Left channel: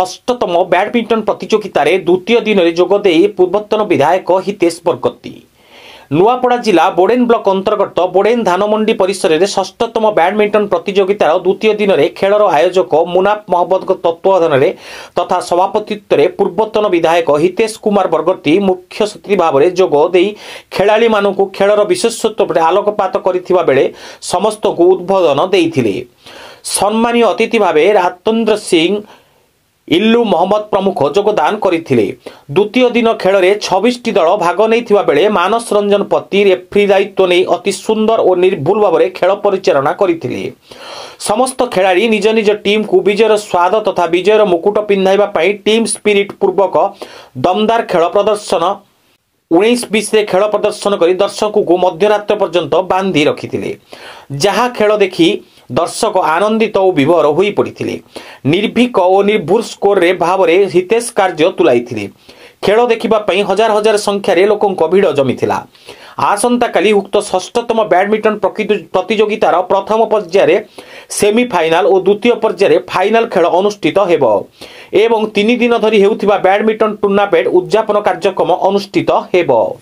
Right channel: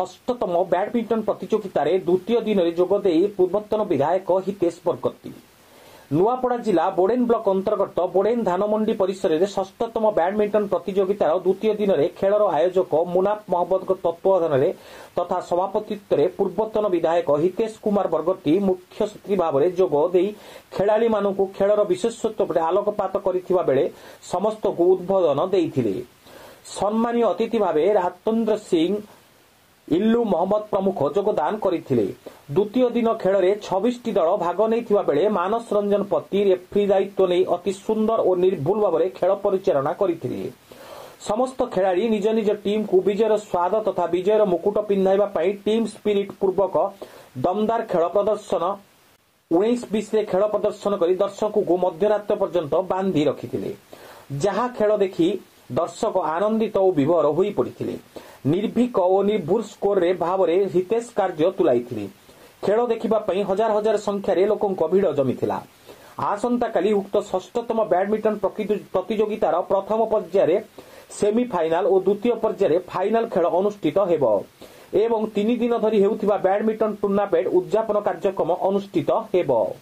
षष्ठतम badminton प्रतियोगितार द्वितीय दिन में जोगदे पूर्वतन विधायक हितेश बरगती नुआपड़ा जिला बोडेन ब्लॉक अंतर्गत बोडेन धानमंडी परिसर में षष्ठतम बैडमिंटन प्रतियोगितार द्वितीय दिन में खेलर आयोजक मुनाफ महमद तत्वावधान में तथा सभापतित्व में पूर्वतन विधायक हितेश कुमार बरगती मुख्य अतिथि भाव में जोगदे खेलाड़ी मानू खेलर विशेषत्व पर आलोकपात करथिबा बेले समस्त को उद्बोधन देइथिले। सम्मानीय अतिथि भाव राजेंद्र सिंह इल्लू मोहम्मद प्रमुख योगदान करथिले। द्वितीय दिन खेल में 26टी दल भाग नहीं बेले मानस रंजन पति रेफ्री दायित्व नहीं अति सुंदर और निर्भुल भाव में खेल परिचालना करथिले। समस्त खेलाड़ी निज निज टीम को विजयर स्वाद तथा विजयर मुकुट पिंधाइबा पई टीम स्पिरिट पूर्वक दमदार खेल प्रदर्शन 19-20 खेल प्रदर्शन कर दर्शक को मध्यरात्र पर्यंत बांधि रखिथिले। जहा खेल देखि दर्शक आनंदित और विभोर हो पड़ते निर्भीक और निर्भुल स्कोर रे भाव में हितेश कार्य तुलाई खेल देखा हजार हजार संख्यार लोकों भिड़ जमीला। आसंता काली उक्त षष्ठतम बैडमिंटन प्रतियोगितार प्रथम पर्यायर सेमिफाइनाल और द्वितीय पर्यायर फाइनाल खेल अनुष्ठित हेबो एवं 3 दिन धरी हेउथिबा बैडमिंटन टूर्नामेंट उद्यापन कार्यक्रम अनुष्ठित हेबो।